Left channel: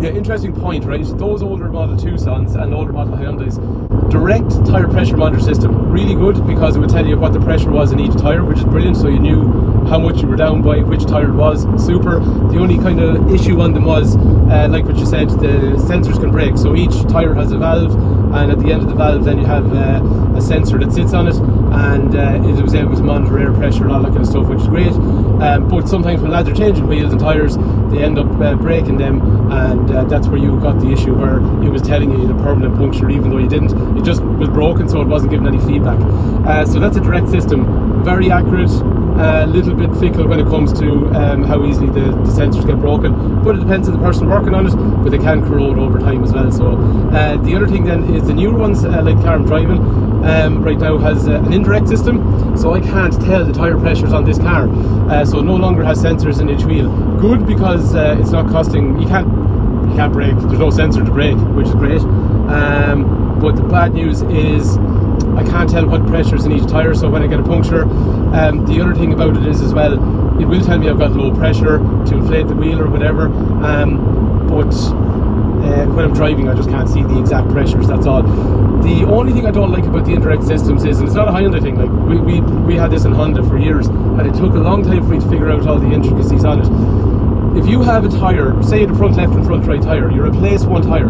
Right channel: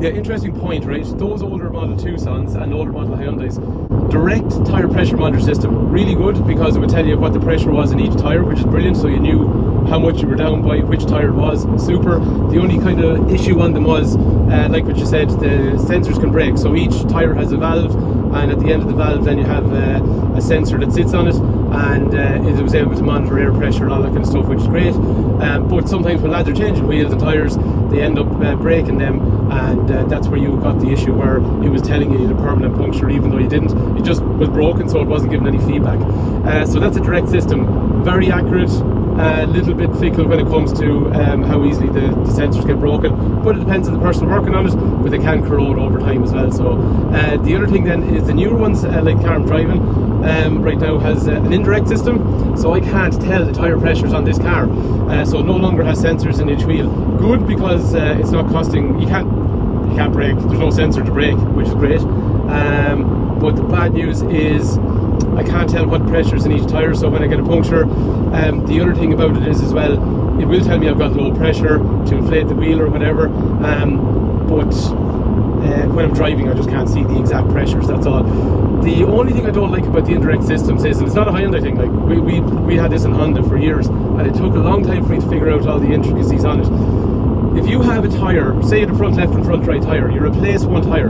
Yeah, interesting point, right? Those older model Tucsons and older model Hyundais, direct tyre pressure monitor system, really good because it would tell you what the pressure was in each tyre, which is brilliant, so you knew how much you were down by, which tyre it was, super. The only kind of issue on them was, like what you said, the sensors can break. So each tyre has a valve, and at the end of the valve then you have a sensor that sits on it, and it was able to monitor air pressure and all that kind of stuff, which is great. But sometimes when lads are changing wheels and tyres, they end up breaking them, and that's where you got the issue where it was telling you a permanent puncture even though you didn't. It just was broken, so it wasn't giving any feedback. So that's a direct system, very accurate, a little bit fickle when it comes to how easily the sensors get broken, but it depends on the person working on it, but they can corrode over time as well. So the other thing then is the newer ones, like the car I'm driving right now, has an indirect system, so I can't tell the tyre pressures on this car, so no longer has sensors in each wheel. Good, because it's not costing, you can't brake, there's no sensor to brake, which is great. But the bad news is I can't tell what pressure's in each tyre, so when I get a puncture, the other thing about it is as well, it will tell me I've got low pressure to inflate the wheel or whatever, but when I'm driving I just can't see the exact pressures, that's all. The only thing I don't like about the indirect systems is, and it's not a Hyundai thing, like we had this in Honda for years, and it took a long time for me to figure out all the intricacies on it. If you have a tyre, say the front left and front right tyre, you replace one tyre,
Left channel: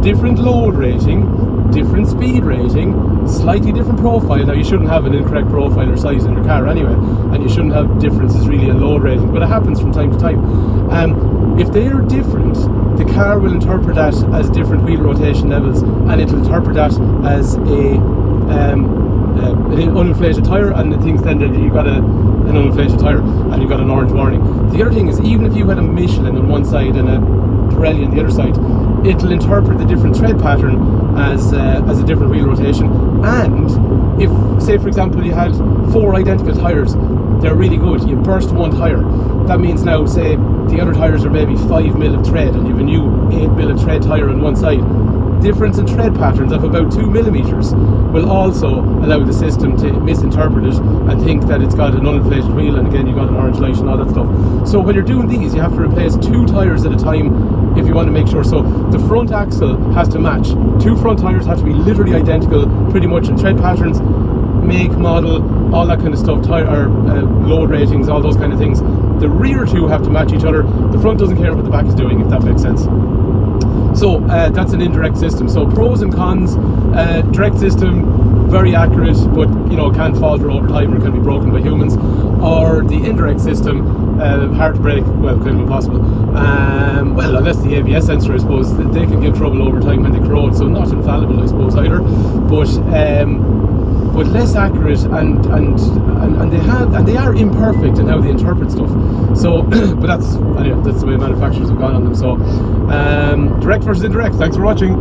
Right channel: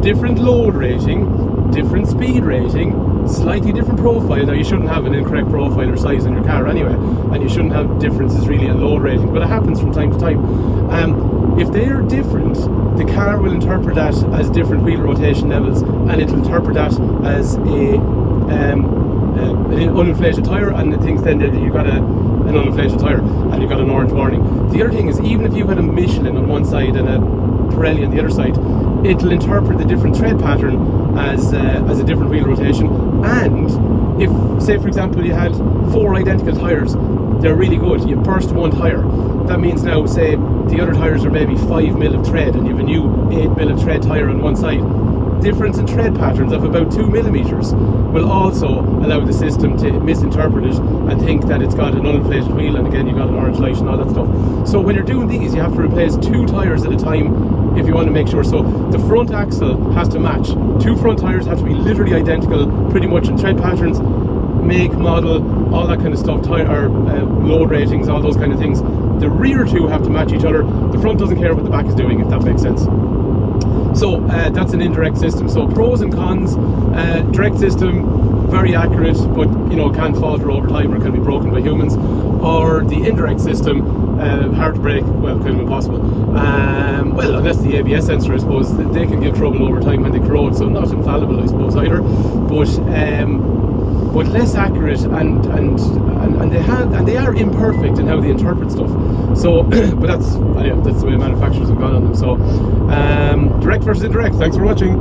different load rating, different speed rating, slightly different profile. Now you shouldn't have an incorrect profile or size in your car anyway, and you shouldn't have differences really in load rating, but it happens from time to time. If they are different, the car will interpret that as different wheel rotation levels, and it'll interpret that as an uninflated tyre, and it thinks then that you've got an uninflated tyre and you've got an orange warning. The other thing is, even if you had a Michelin on one side and a Pirelli on the other side, it'll interpret the different tread pattern as a different wheel rotation. And if, say for example, you had 4 identical tyres, they're really good, you burst one tyre, that means now, say the other tyres are maybe 5 mil of tread and you have a new 8 mil of tread tyre on one side, difference in tread patterns of about 2 millimeters will also allow the system to misinterpret it and think that it's got an uninflated wheel, and again you got an orange light and all that stuff. So when you're doing these, you have to replace 2 tyres at a time if you want to make sure. So the front axle has to match, 2 front tyres have to be literally identical pretty much in tread patterns, make, model, all that kind of stuff, tyre load ratings, all those kind of things. The rear 2 have to match each other, the front doesn't care what the back is doing, if that makes sense. So that's an indirect system. So pros and cons: direct system, very accurate, but you know, can falter over time or can be broken by humans. Or the indirect system, hard to break, well, kind of impossible. Well, unless the ABS sensor, I suppose, they can give trouble over time when they corrode, so not infallible, I suppose, either. But less accurate, and they are imperfect in how they interpret stuff. So, but that's the way manufacturers have gone on them. So, direct versus indirect. Thanks for watching.